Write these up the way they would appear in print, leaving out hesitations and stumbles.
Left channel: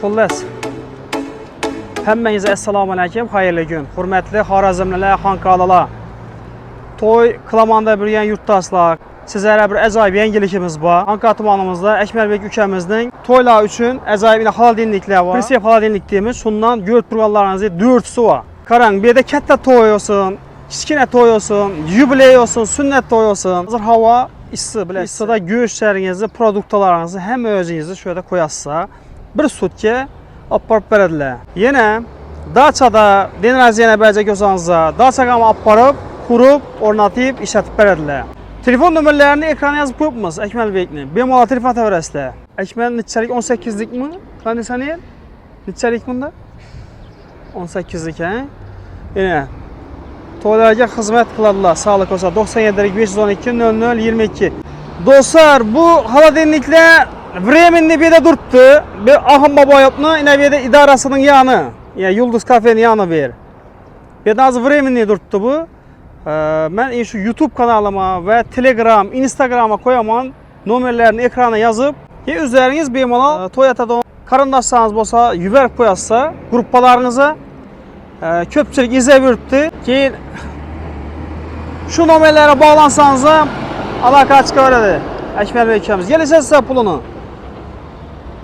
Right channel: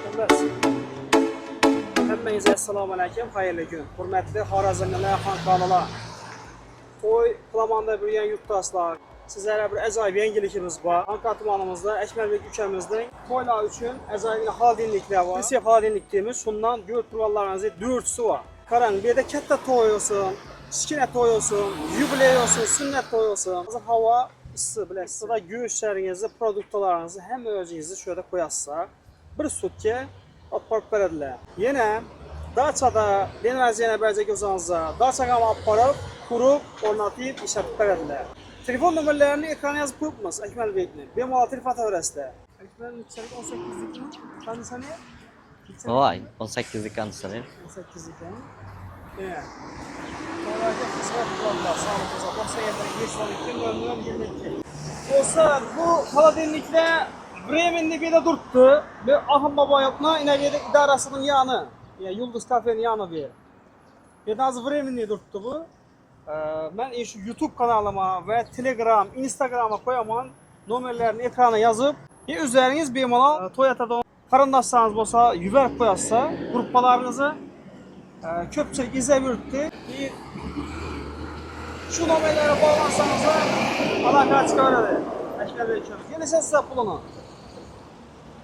Xullas. Həmmənizə assalamu alaykum, xeyirli gün. Hörmətli Xorazmlilər, Xankalalar. Toy klamanda bürüyən yurttaşlar, sizlərə bir əcaib yenilikimiz var. Ankara tumanımızda Əkmərbek ülkəmizin toylar üçün əcaib xaladenliklər var. Prinsip xaladenlik deyimiz, şundan görüb durmalarınızı 4'sü var. Karan bir də katta toy olsun, kiçkinə toy olsun, yubiley olsun, sünnət toy olsun. Hazır hava isti, biləsiniz. İstidə göğüşlərinizi, produktalarınızı həm özünüzü şöyle koyasınız. Bir sutki aparıb verədilər. Yenə Daçada, Denraziyenə bəlcə gözünüzdə Daçaqamı aparıb, kurub, ornatıp, işlətib verədilər. Telefon nömrələrini ekrana yazıb qoyubmuz Əkmərbekni. Bemola telefon təvərəsdə. Əkmərin neçəlik 18'lik mi? Kondisioner? Neçəlik bunda? 18'lik kondisioner. 18'lik hə? Yenə toylarga xizmət qıladılar. Sağlıq olsa 97 512 00 22. Dostlar, bu xaladenliklər временli bir de durdu. Bir Ahım Babayop'nu yine bir de idarasının yanı. Yani Yıldız Kafe'nin yanı bir. Bir de az временli durdu bu. Ben şu YouTube kanalıma ve Telegram, Instagram'a koyamam. Numarlarını ekrana yazıp üzeriniz bemalal Toyota'da karındaşsanız olsa, yüver koyarsa gruppalarınıza köpçülük izle bürüttü ki şu numarlara bağlansanız da alaka çıkardı. Əkmərbek ülkəmiz. Gələcək sizə pulunu.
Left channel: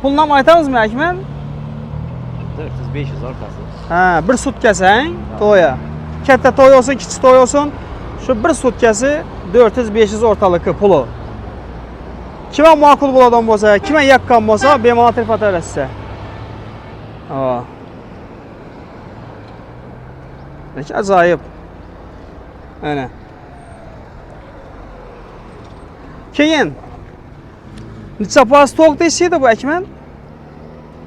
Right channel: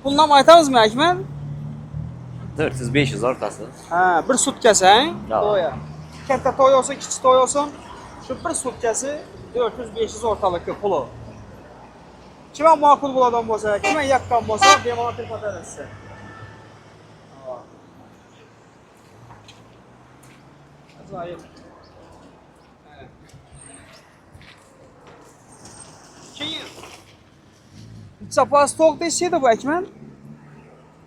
Puluna aytağız mı Əkmər? 400-500 ortası. Hə, bir sutkəsi toya. Kətdə toy olsun, kiçik toy olsun. Şu bir sutkəsi 400-500 ortalıqı pulu. Kimə makul buladan olsa, kimə yakkan olsa, bemalal telefon eləsə. Peki, acayip. Öyle. Keyin neçə pas toq deseydi bu Əkmər?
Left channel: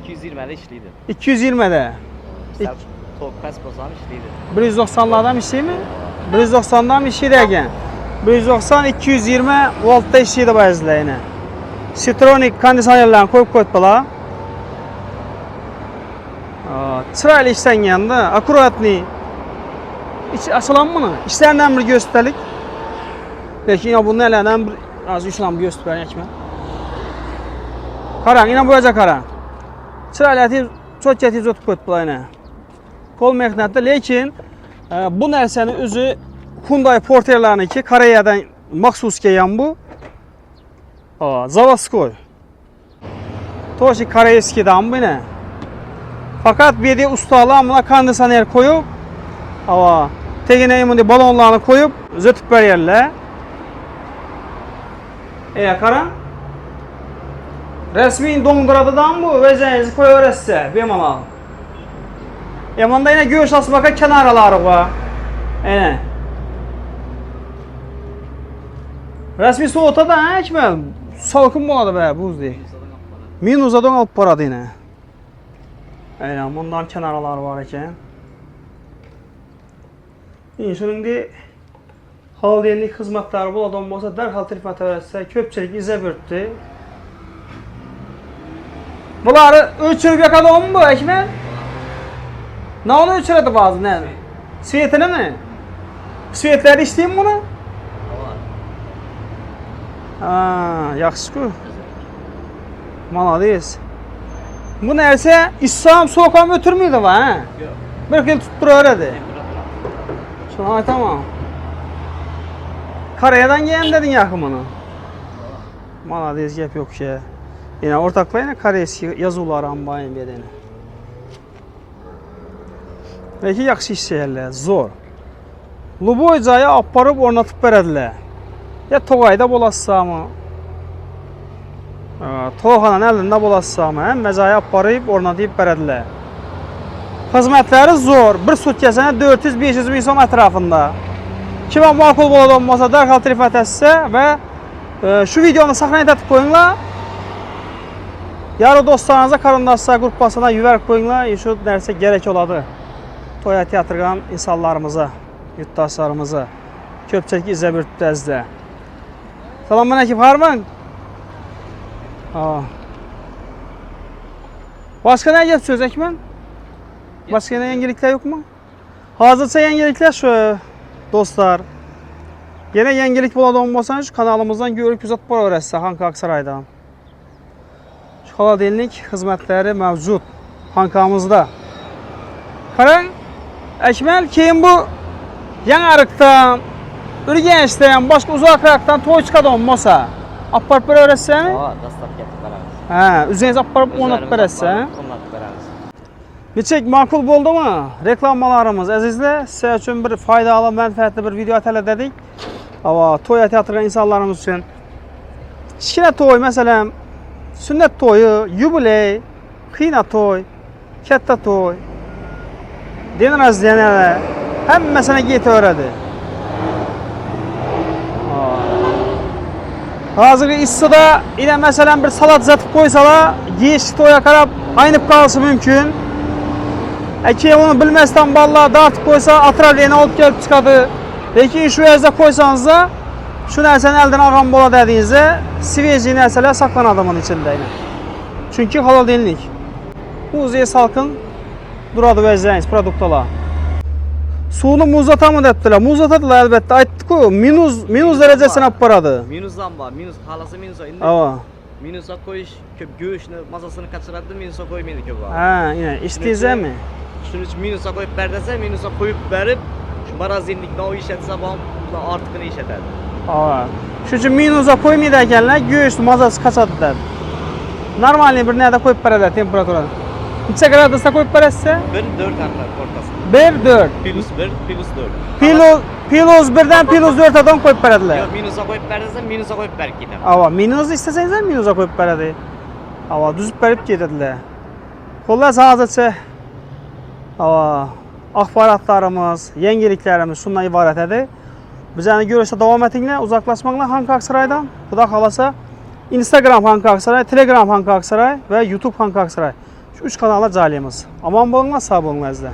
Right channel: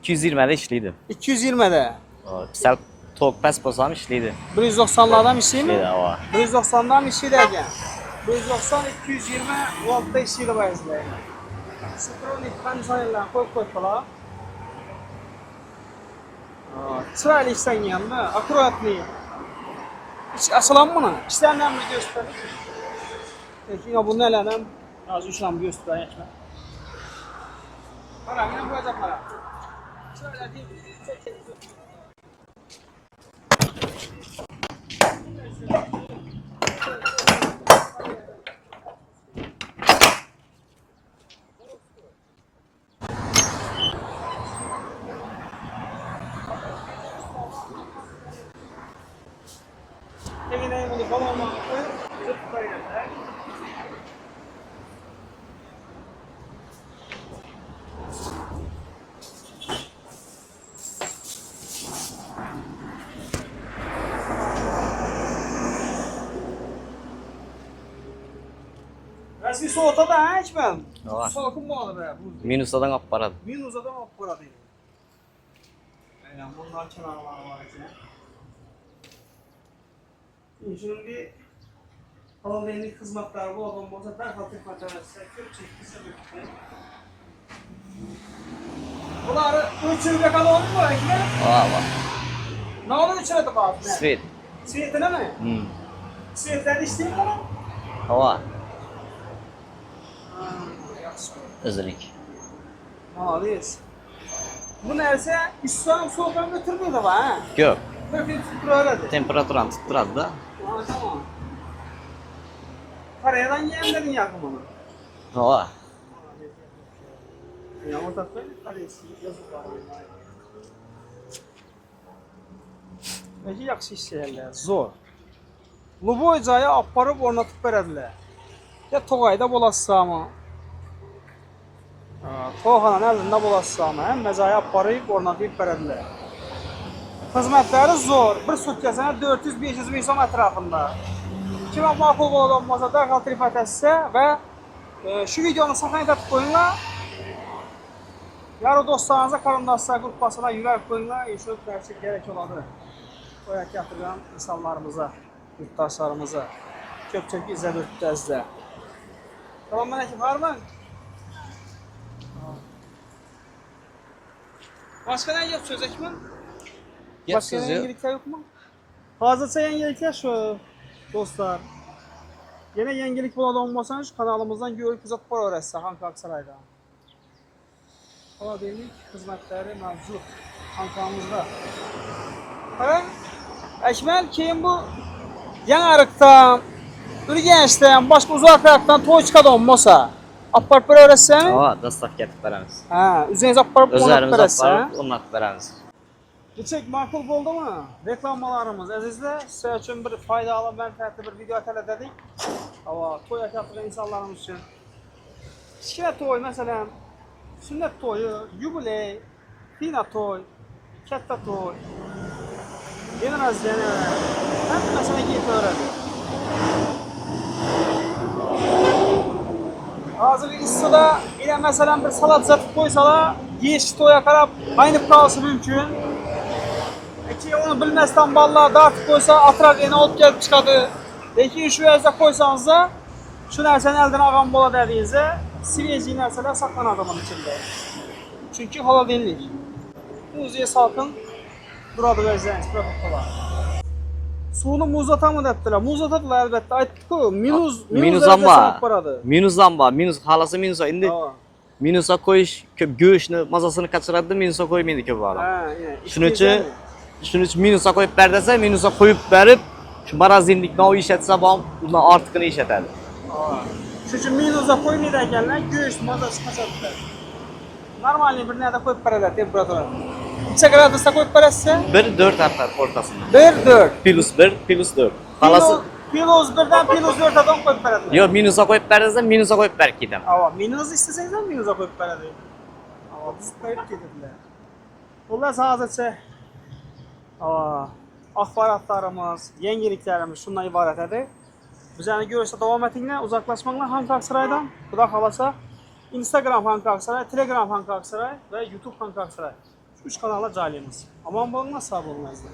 220'de işliydi. 220'de. Sen tok pes bozam işliydi. 190'lardan işleyeyim mi? İşliydi. 190'dan işleydi eken. 190-220 voltta işleydi bazıları yine. Citronic kondisionerlerini koyup koyuttular. Çıraylı işten yanında, akuratlı. Hiç asılan mı? İşlerinden bir gösterlik. Peki yine bunun ellerden bir az üçlen bir gösterlik Əkmər. Karan, yine boyacak karan. Çıraylı çok getiz otup koyuttular yine. Kol meknette, lakin bu nərsənin özü Hyundai Porter'larının ki, Koreyadan maxsus gelen bu. Zavaskoy. Toşi Koreyski'dan bu yine. Fakat bir de ustalar buna kondisioner koyup, tekine balonlarını koyup, zötüp verirler. Karan. Resmi donduradıdan bu vezenizi koyuyorsa bemalal. Yamanda yine göğüs asmaka kenarları var. Resmi soğuta da Əkmər. Salkın buladı be buz değil. Minusadan alıp paradı. Minusadan alıp paradı yine. Bundan kenarları var eken. Şunun de xaladenlik xizmətləri buladan olsa dərhal telefon təvəssüsə köpçilik izə bürtdü. Bunları ölçürüb yakadan mı bu Əkmər? Ne onu ölçürüdü bazı ne? Svet. Svetini mi? Svetləri istəyim bunu? Yaxşı ku. Özellik. Malades. Bu nərsə İslam soğukam ötürmüydü var ha? Yok. Bir gün tuttur öyrədi. Temperaturan tutturadı da. Şuna tamam. Koreyadan gelin dedin yakımını. Malades gep yok şey. Yine ortaklayın Koreyski yazılar ambayın bedeni. Belki yaxşı hissəyərlər, zor. Luboycayı aparıb ornatıp verədilər. Ya Toğayda bolasısa mı? Toğanın əlində bolasısa mı? Həm məcayı aparıb ornatıp verədilər. Xizmətləri zor. Bir sutkəsənə 400-500 bin som ətrafında. Kimə makul boladan olmasa dərhal telefon etsə və şu videonu saxlayın etib koyunlar. Yarı dostlarınıza, karındaşlar qrupasına yüvər koyunlar. Şu nərsə gerek oladı. Toya teatrgan insanlarımıza, yurttaşlarımıza köpçək izlə bürtdü əzdə. Salam aleyküm, harman? Başka ne get söz Əkmər? Başka ne yenilikler yok mu? Hazırsa yenilikler şu dostlar. Yine yenilik buladan olmasan şu kanalımızdan görüp güzel para öğretsə Xankara Aksaray'dan. Xaladenlik xizmətləri mövcud. Xankamızda. Qarang, Akmal keyin bu Yanariqdan, Urganchdan, boshqa uzoqroqdan to'y chiqadi olmasa, olib borib beraverasizmi? Hava dastavka etib beramiz. Ha, o'zingiz olib borib o'rnatib O'zlarimiz berasiz, ha? o'rnatib beramiz. Nechek ma'qul bo'ldimi? Reklamalarimiz azizlar, sizlar uchun bir foydali, manfaatli bir video tayyorladik. Ava to'y aytayotgan insonlarimiz uchun. Kichkina to'y, masalan, sunnat to'yi, yubiley, qiyna to'y, katta to'y, din razlaniyalar hammasini yetaveradi. Hozirgi issiqda ina masalan bir salat uzatib qo'ysalar, yeyish to'yga qarab aynib qolishi mumkin. Keyin uni bilmasdan bolalar dartib qo'ysa, atroflarni olib kelib chiqadi. Lekin shu yerda qo'ysangiz, shu narsani eldan olgan bo'ladi dedingizda, svejiy narsalar saqlanadi buning ichida. Chunki holodilnik. O'zi salqin duradi o'zingiz produktlar. Suvni muzlatami debdilar. Muzlatadilar albatta. Aytdi-ku, minus darajasini olib boradi. Minusdan bor. Minus xolasa minus endi. Ava. Minusga qo'yish ko'p go'shtni mazasini qochiradi, minusga qo'ymaydi ko'p vaqt. Ha, ina, ishtingizmi? Shuning uchun minusga qo'yib ber desa, minusga qo'yib berib, shu marazinlikni olib ishlatsa, bundan ortiqini ishlatadi. Ava. Shuning uchun minusga qo'ymaydi ekanlar, go'sht mazasi qochadi dedi. Normalniy bir narda qo'yib beradi temperaturani. Necha gradusda qo'yib berasiz? 1-4 hamlat o'rtasida. 1-4. +1, +4. Plus 1dan plus 4 dan qo'yib beradilar. Yo'q, minusga qo'yib ber desa, minusga qo'yib berib ketaman. Ava, minus istasangiz ham minusga qo'yib beradi. Ava, düzüb berib ketadilar. Xullas, hozircha ava, axborotlarimiz, yangiliklarimiz shundan iborat edi. Bizani ko'rishda davom etinglar, uzoqlashmanglar Xanqa Aqsaroydan. Xudo xolasa, Instagram Xanqa Aqsaroy, Telegram Xanqa Aqsaroy va YouTube Xanqa Aqsaroy. Shu 3 kanalda joylaymiz. Omon bo'linglar, sog' bo'linglar.